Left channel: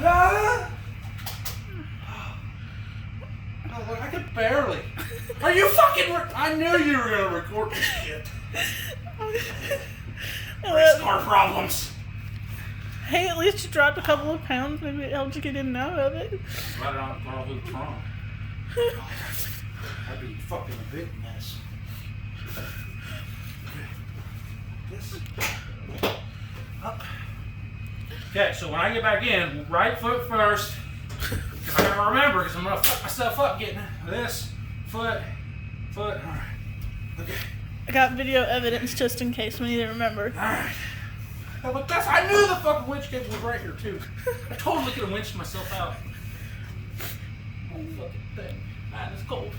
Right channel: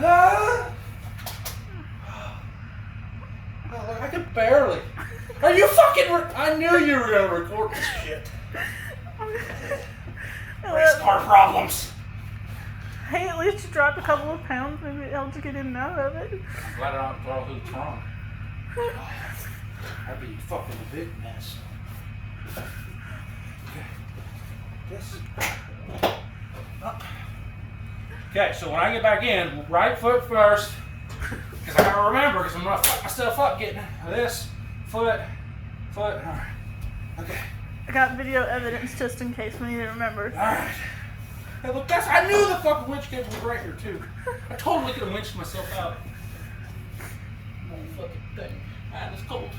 Oh, I can barely. Are you fucking? I knew you were gonna record this shit. Race car problems. Hey, at least you dropped a couple of pounds. Maybe it helped you get in and out of it. Glad I don't throw through the trunk. That'd be fucking a big mess. This. Up. Okay, so when I get back in, right foot first, because I gotta remember, because I'm gonna fuck myself up getting this foot. All right. Okay. I got video evidence just in case we need to remember. All right. Now, look, I knew the fucking winch cable was right here too. I totally could have winched myself out. Oh, fucking thing. Man, it's cold.